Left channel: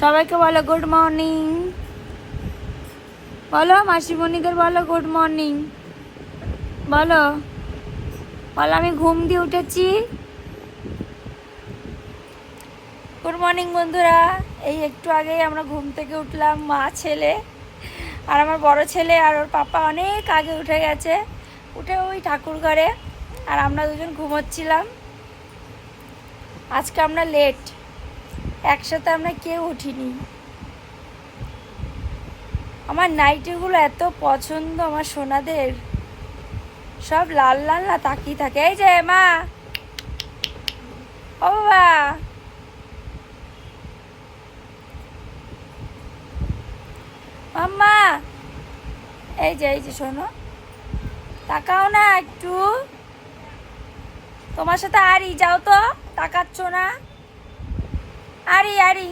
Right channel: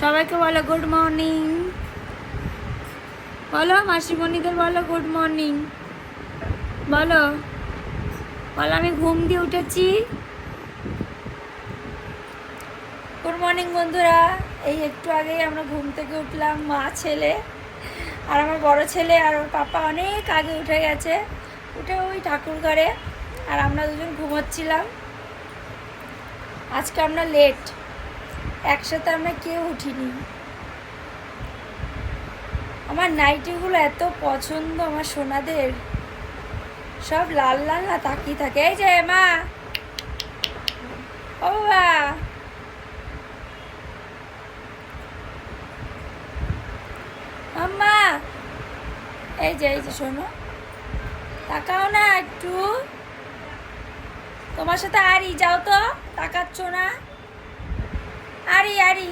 সবাইকে বলো good morning. বলো মাসিমণিদের বলো গুড মর্নিং। বলো বলো আমি ঘুম দিয়ে উঠেছি। গুড মর্নিং বন্ধুরা। এই একটু আগেই আমরা ঘুম থেকে উঠলাম, মা ছেলে। আর আমার বড় ছেলে আর ওর পাপা অনেক আগে উঠে গেছে, উঠে ওই ঠাকুর ঘরে। আর আমরা দুজন ঘুমোচ্ছিলাম। আজকে আমরা লেট, একসাথে আমরা কেউ উঠিনি। আমার নাইটিগুলো এত পছন্দ আমার সোনাদের, সব লাল লাল না তাকিয়ে থাকে। এই যে মা, ও বাবা, মাম্মা, এই যে শোনো, তাকাও না একটু। তোমার সাথে আরি যাও তো, তাকাচ্ছ না। আরি আরি